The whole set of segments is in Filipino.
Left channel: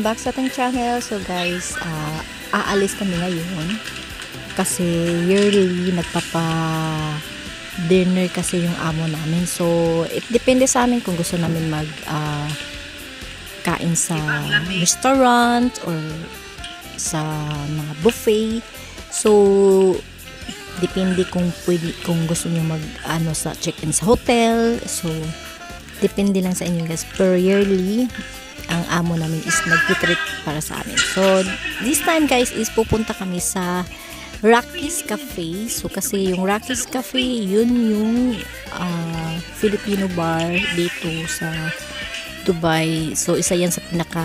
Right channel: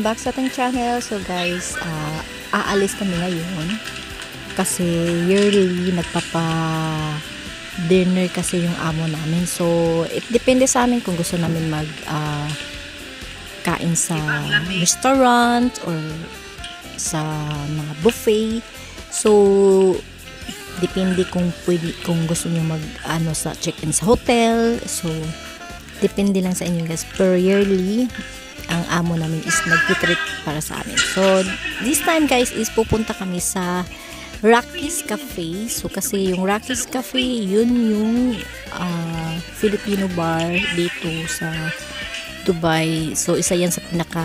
welcome back sa ating channel. So guys, aalis kami ngayon kasi yearly nagpapa-dinner kasi yung amo namin. So it depende sa amin kung gusto namin mag kain sa restaurant or sa mga buffet. So depende kung pwede, kung gusto niyo mag sa check-in sa hotel. So depende lang sa inyo guys. Per yearly ang amo namin is nag-treat para sa amin. So this time guys is pupunta kami sa Rocky's Cafe. So kasi yung Rocky's Cafe, yun yung Filipino bar dito sa Dubai. So isa yan sa pinaka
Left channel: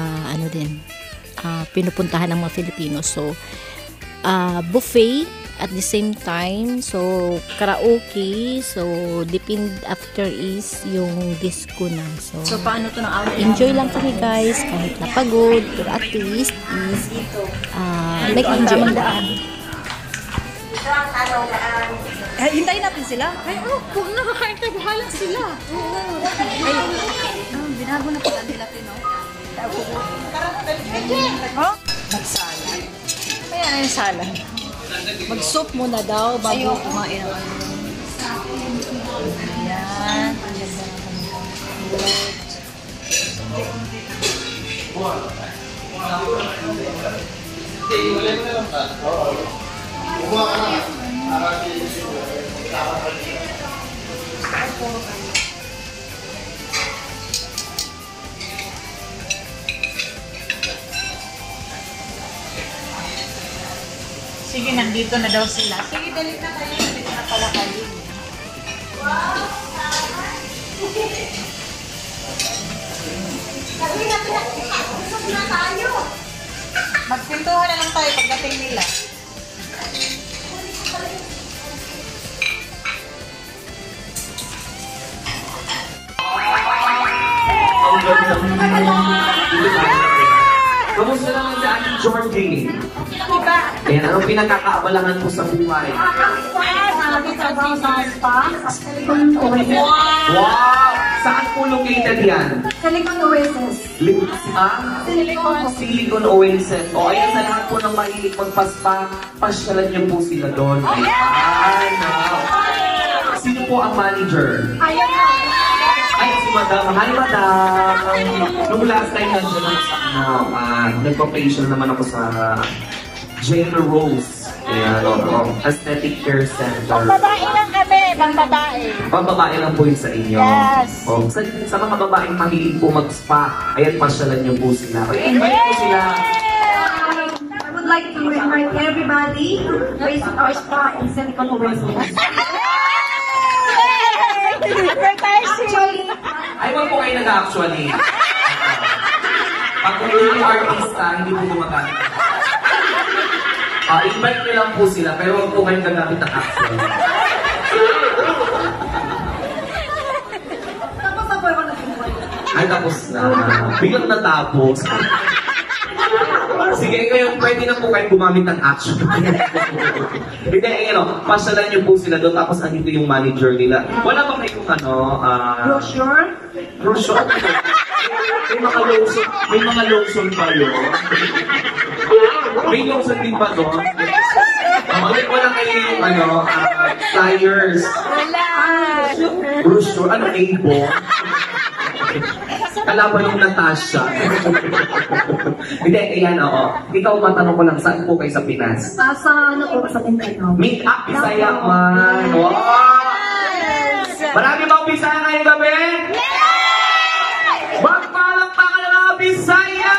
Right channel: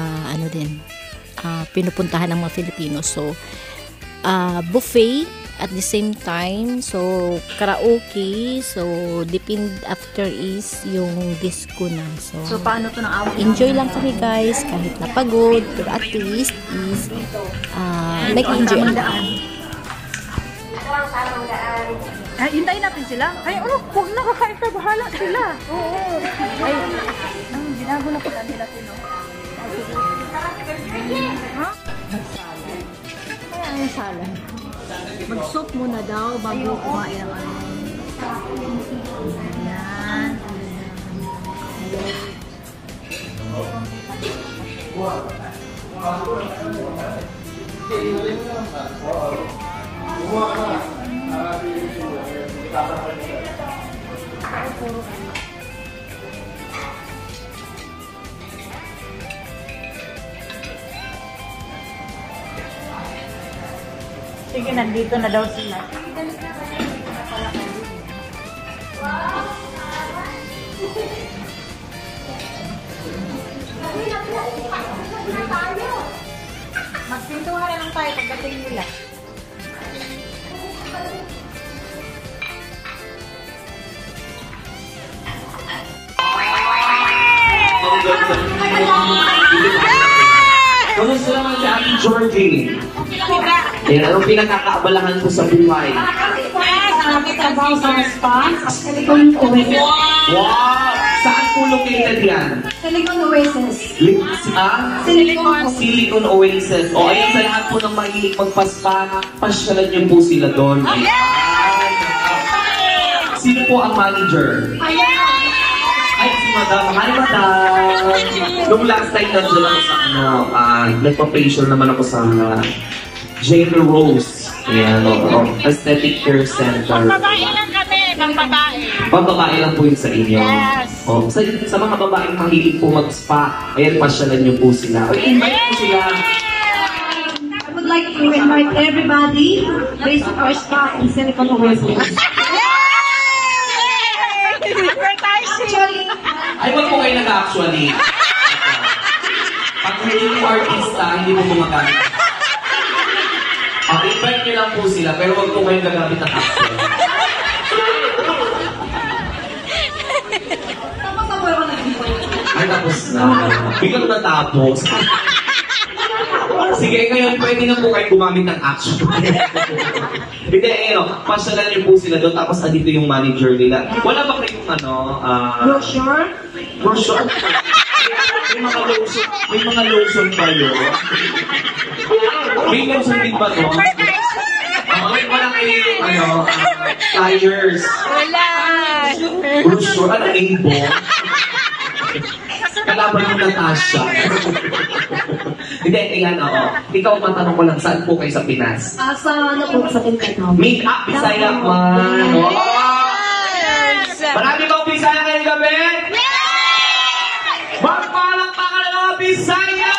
pinupuntahan ng mga Filipino. So buffet at the same time, so karaoke. So depend after is yung disco na. So paano to ng amo? Enjoy lang kami guys, kahit napagod, pero at least is nag-enjoy. Hintayin natin sila. Ay, huwag na, kakain tayo, bahala sila. Oo. Ay, binago na pala nila Tino. Ha? Magsalad. Kaya ay salad. Mag-soup muna daw bago kumain ng ano. Ayan. Sige, nandito na daw sila. Sige, dali na tayo. Magpintuhan na lang tayo pagdating nila. Kamusta naman sa ating Georgie? Ayan, anong pinakakaabalahan po sa buhay? Wow! Saan po located yan? Silicon Oasis. Silicon Oasis. O, ayan sa lahat po ng mahilig magpaspa, pasyalan niyo po sila doon. Ayan! Sino po ang manager? Ay, si Madam. Hi, Madam! Nung last time na dyan sa nagpa-facial naman ako sa Jane Rose. Ayan, Aesthetic Care Center. Pambabae lang kami, pambabae. Pambabae lang po yun sa inyo. Yes. Sa mga babaeng mahilig po mag-spa, ayan, pasyalan niyo po sila. Invite po sila. I would like to invite everybody to visit our spa in Silicon Oasis. Actually, Ay, wag po kayo nag-actually. Pag hindi mo artista, hindi mo gumagamit. Invite nyo lang po sila, pero wag po kayong gagamit ng actually. tapos ako yung nag-invite. Ay, tapos na. Biglang natapos. Sige, ngayon pwede na po kayong gumamit ng action. Hindi, pasyalan niyo po sila doon, tapos andito yung manager nila. Wala ba kayong Brochure? brochure? May mga lotion ba yun? May lotion din ba doon? Wala kayong flyers? Wala! Brochure? Ano, A-bo? Kalaban ng Natasha. Hindi, ilan ikaw matanong ko lang, saan po kayo sa Pinas? Sa Mindanao. Make-up, Bisaya man. Wow! Marami bang Bisaya ngayong gabi? Magpalakpakan ng mga Bisaya!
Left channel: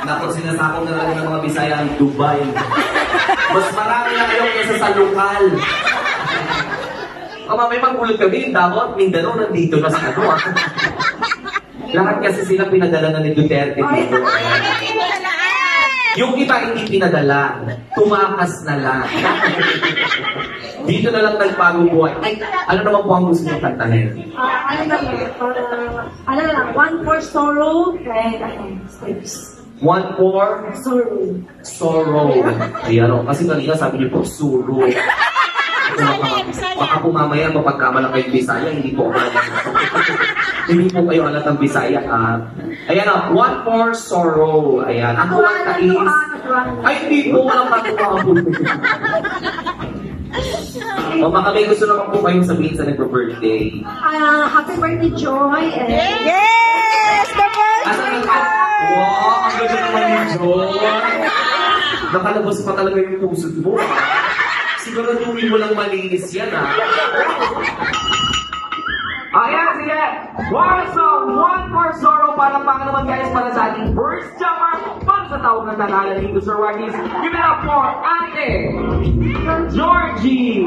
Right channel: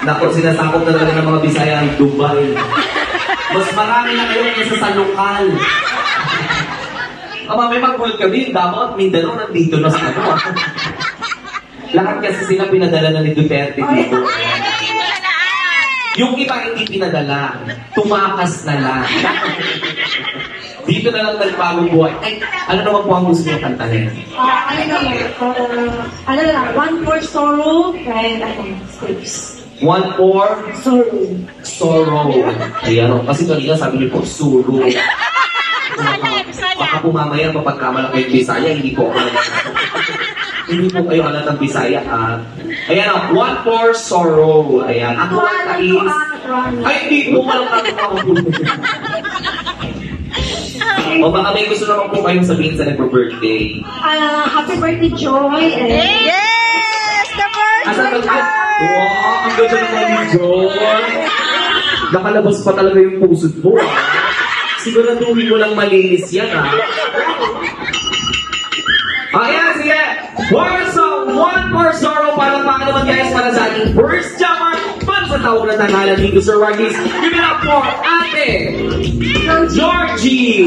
Naku, sinasakop na talaga ng mga Bisaya ang Dubai. Mas marami na kayo kaysa sa lokal. May magulot kami, dapat Mindanao nandito na sa Lahat kasi sila pinadala na ni Duterte dito. Yung iba hindi pinadala, tumakas na lang. Dito na lang nagpagong buhay. Ay, ano naman po ang gusto niyo kantahin? Ano lang, one for sorrow, and scripts. One for Sorrow. sorrow. Ayan o. Kasi kanina sabi niyo po, suro. Baka po mamaya mapagkamalang kayo Bisaya, hindi po ako. Hindi po kayo alat ng Bisaya. Ayan o, One More Sorrow. Ayan, ang kumanta is... Ay, hindi po, walang katuwa po. O baka may gusto naman po kayong sabihin sa nagpo-birthday. Happy birthday, Joy. Yes! The birthday girl! Wow, ang ganda naman ni Joy. Nakalabas pa talaga yung puso mo. Siguraduhin mo lang malinis yan, Ayan, sige. One More Sorrow para naman guys para sa ating first jaman para sa tawag na tanghalan dito Sir Wagis. Give it up for Ate Georgie.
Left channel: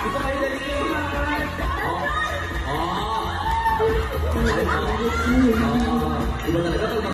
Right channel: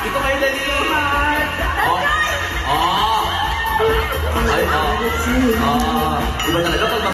Ito kayo dali. Iba talaga pag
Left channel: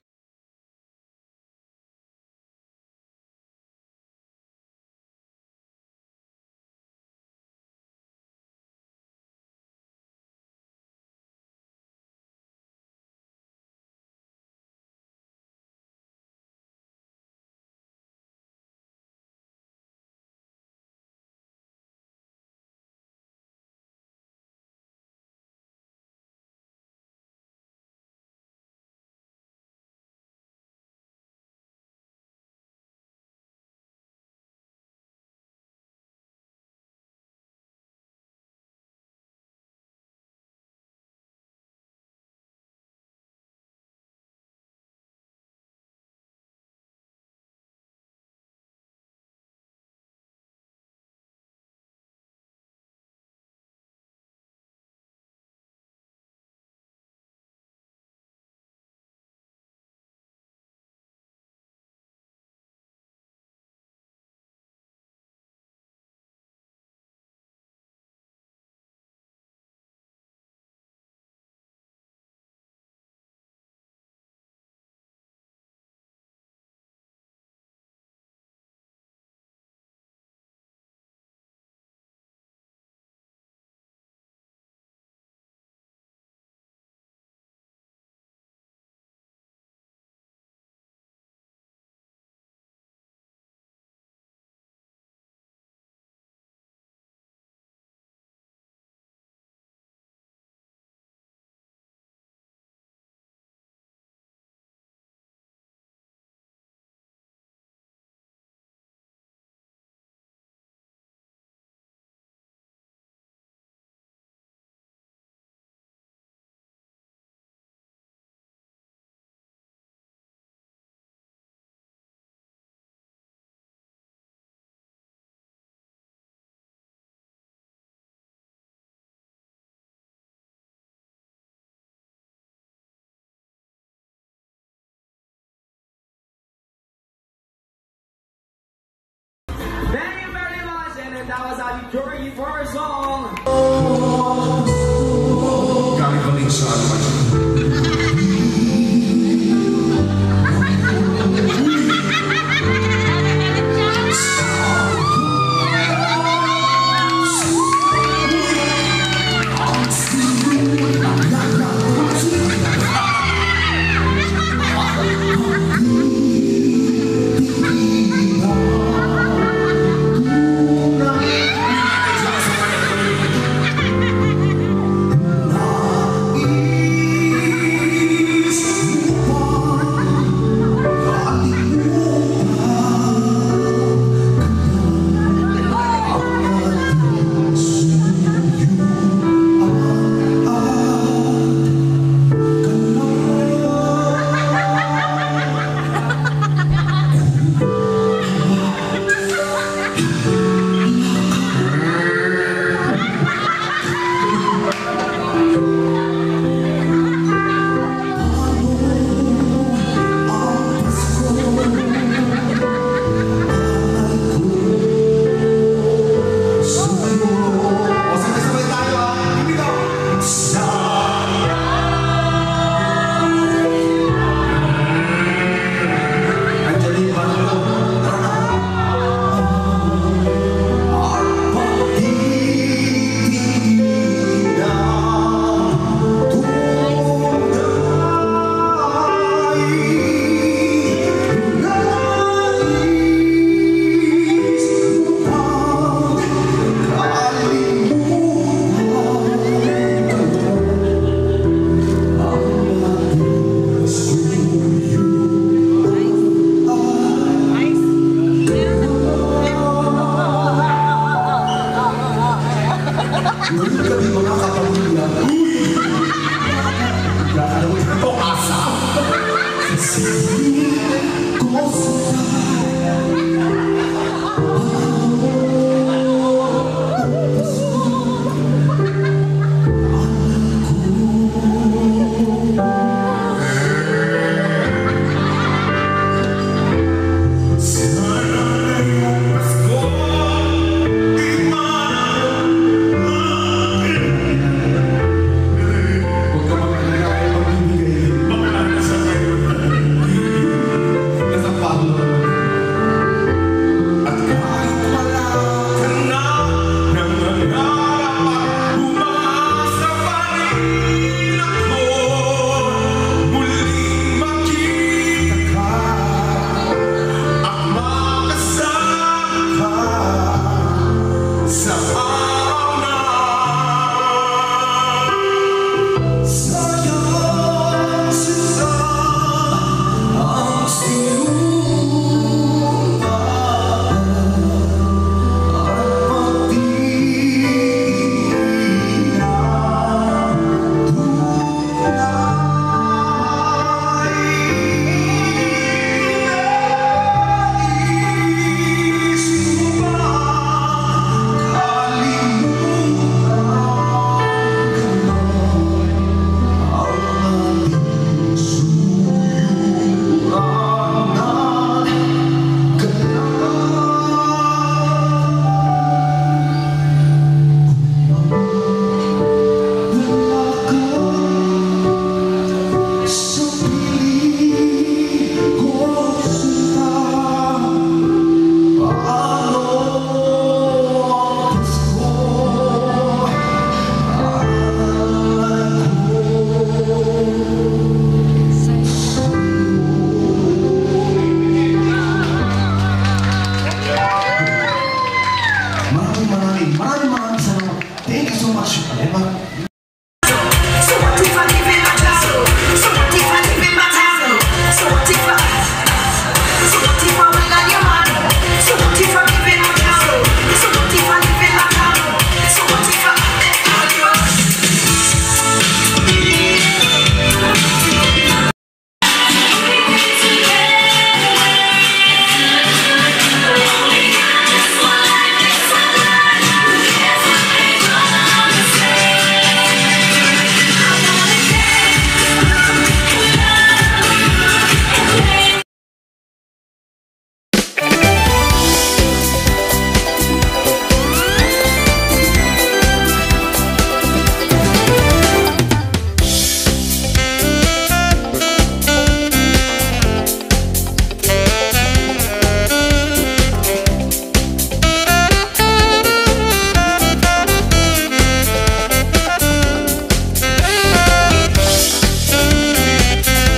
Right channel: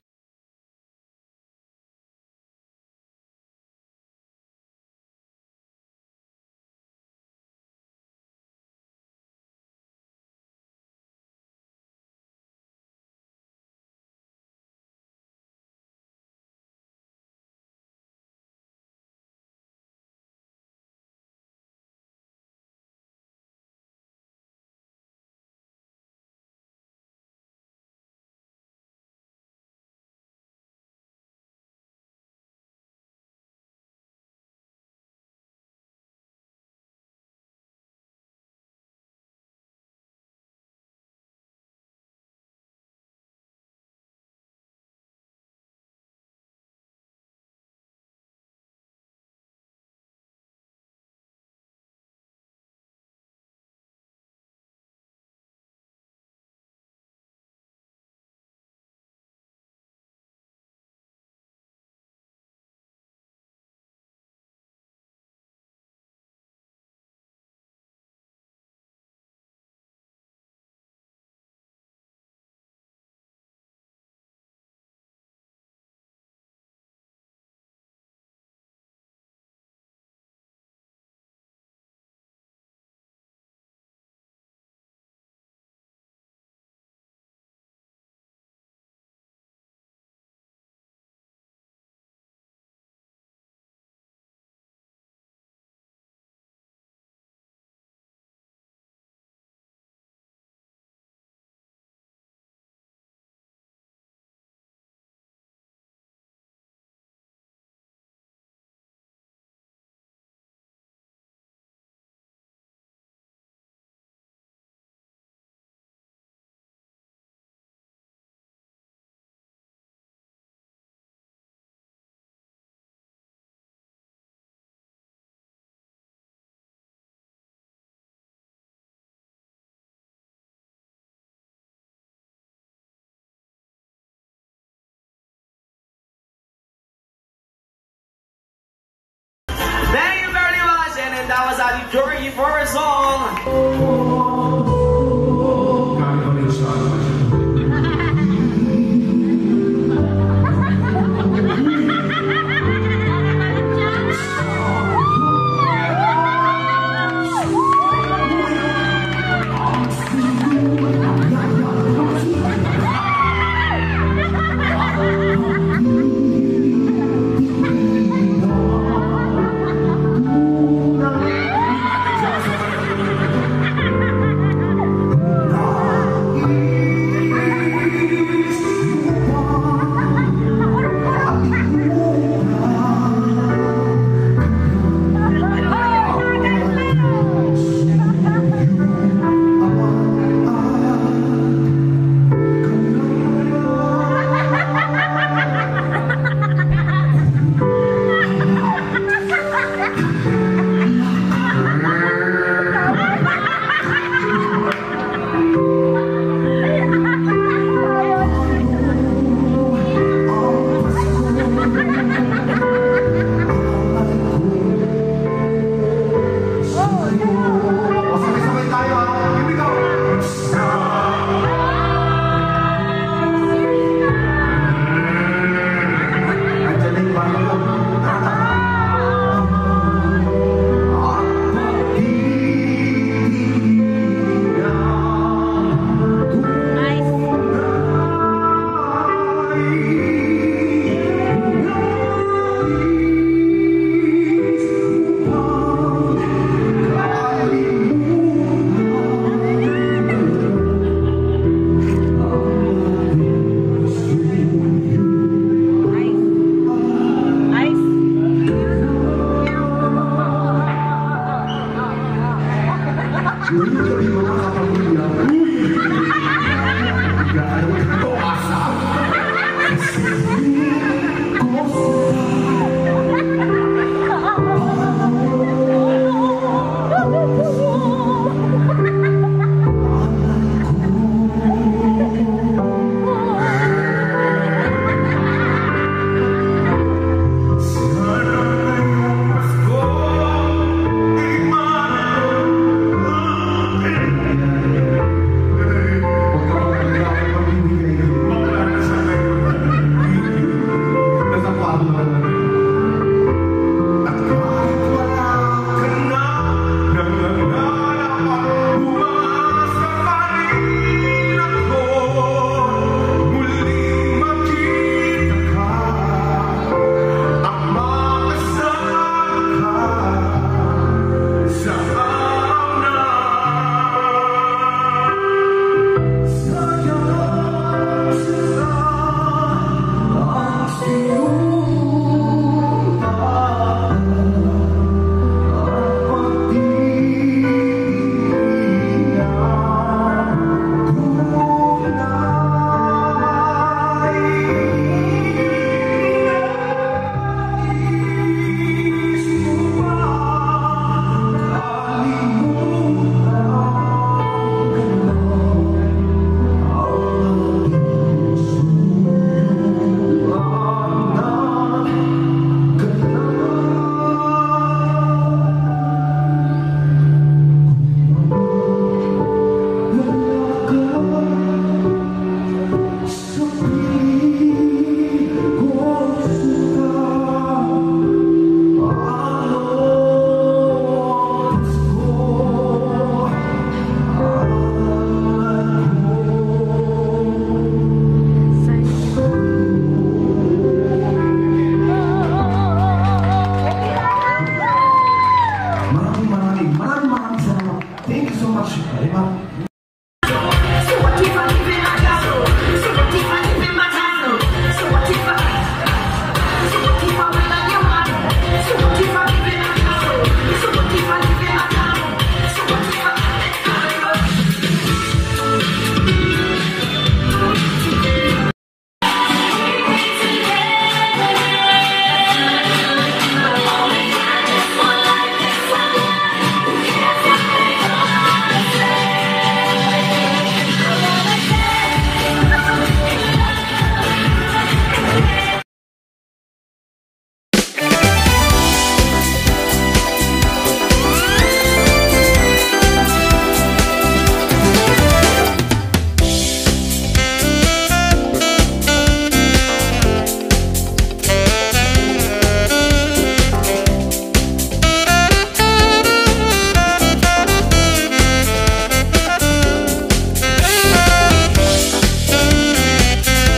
Thank you very much, and that was Ate Georgie for her song. Kami balik sa Manila Barrio.